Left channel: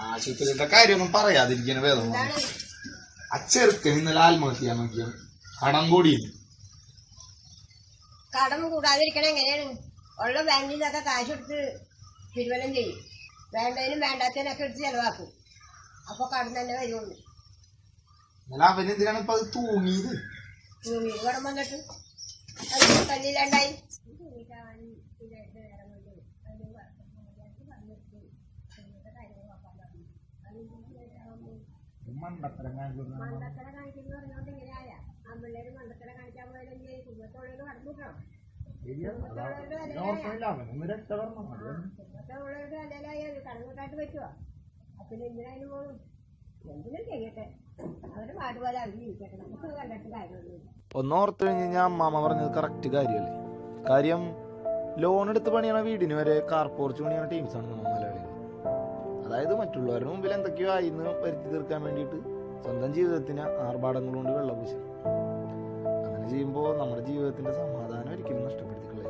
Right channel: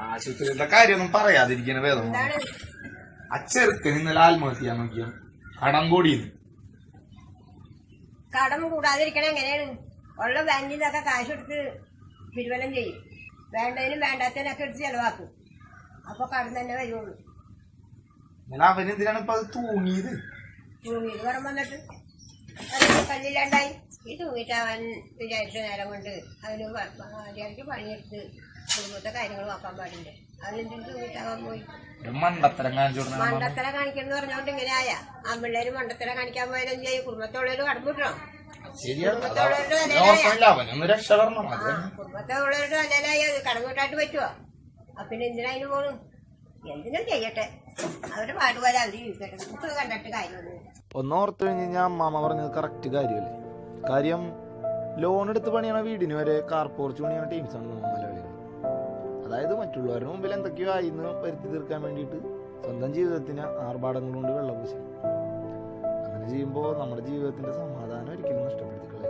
ആശുപത്രിയുടെ കാര്യമൊന്നും പറയാതിരിക്കണ വേദം അച്ചെറുത്ത് ആ ചെറുക്കൻ ഇന്നലെ ആത്മഹത്യ ചെയ്യാൻ നോക്കിയ. കടം കൂടിയത്. കടം കൂടാതിരിക്കണ എങ്ങനെയാണ്? ഉള്ള ബാങ്കിൽ നിന്നൊക്കെ കാശ് എടുത്ത് തിരുവനം ചെയ്യും. വേണ്ടതിനും വേണ്ടാത്തതിനൊക്കെ എടുത്ത് ചെലവാക്കും. അപ്പൊ കടം തന്നെ വരുള്ളൂ. തൂങ്ങിയത് ഇപ്പൊ അത് തൂങ്ങിയത്? കടം വന്നിട്ട്? കല്ലില്ലാണ്ടായി? ഈ തൂങ്ങിയിട്ട് അവൻ വിചാരിച്ച നേരം കൊണ്ട് അവന് ഭാര്യയ്ക്ക് പണിയെടുത്ത് കുടുംബത്തെ കാര്യങ്ങൾ നോക്കാൻ പാടില്ല? അതിനെന്തിനും തൂങ്ങിയിട്ടാവാൻ പോയി? മണ്ടത്തരം കാണിക്കണം പറഞ്ഞോണ്ട് ഇങ്ങനെ ആയ ആമ്പിള്ളേര് മണ്ടത്തര കാണിക്കാൻ പോയാലും ചെയ്യും കുടുംബത്തോളൊരു കടമ്പിട്ടോ? കുടുംബത്തോളൊരു അത് കടമ്പിട്ടായിട്ട് പറ്റുമോ അപ്പൊ പിന്നെ എന്തിനാ അതിന് പോണു? എന്തിനും ചെയ്യട്ടെ. അവരുടെ പാടുപോലെ അവർ ജീവിക്കട്ടെ. നമുക്ക് കണ്ടിട്ട് കാര്യമൊന്നുമില്ല. ഒന്നോർത്ത് കഴിഞ്ഞ് കഴിഞ്ഞാൽ അമ്മാമ്മ പറഞ്ഞത് കറക്റ്റ് കാര്യമല്ലേ? കാര്യം ലോൺ എടുത്ത് പണിയണ വീടിന് വരെ കാർ പോർച്ച് പണിയണ ടീംസാണ് നമ്മൾ മലയാളികൾ. അതായത് മറ്റുള്ളവരുടെ മുമ്പിൽ എന്തൊക്കെയോ ആയി എന്ന് വരുത്തി തീർക്കാൻ വേണ്ടിയിട്ട് സ്വന്തം ജീവിതത്തിന് ആർഭാടങ്ങൾ കൊണ്ട് വെള്ളപൂശ അങ്ങനെ ചെയ്യുമ്പോൾ നമ്മുടെ ജീവിതത്തിന്റെ സമാധാനം ഒരിക്കലും നഷ്ടപ്പെടുത്തി നഷ്ടപ്പെടും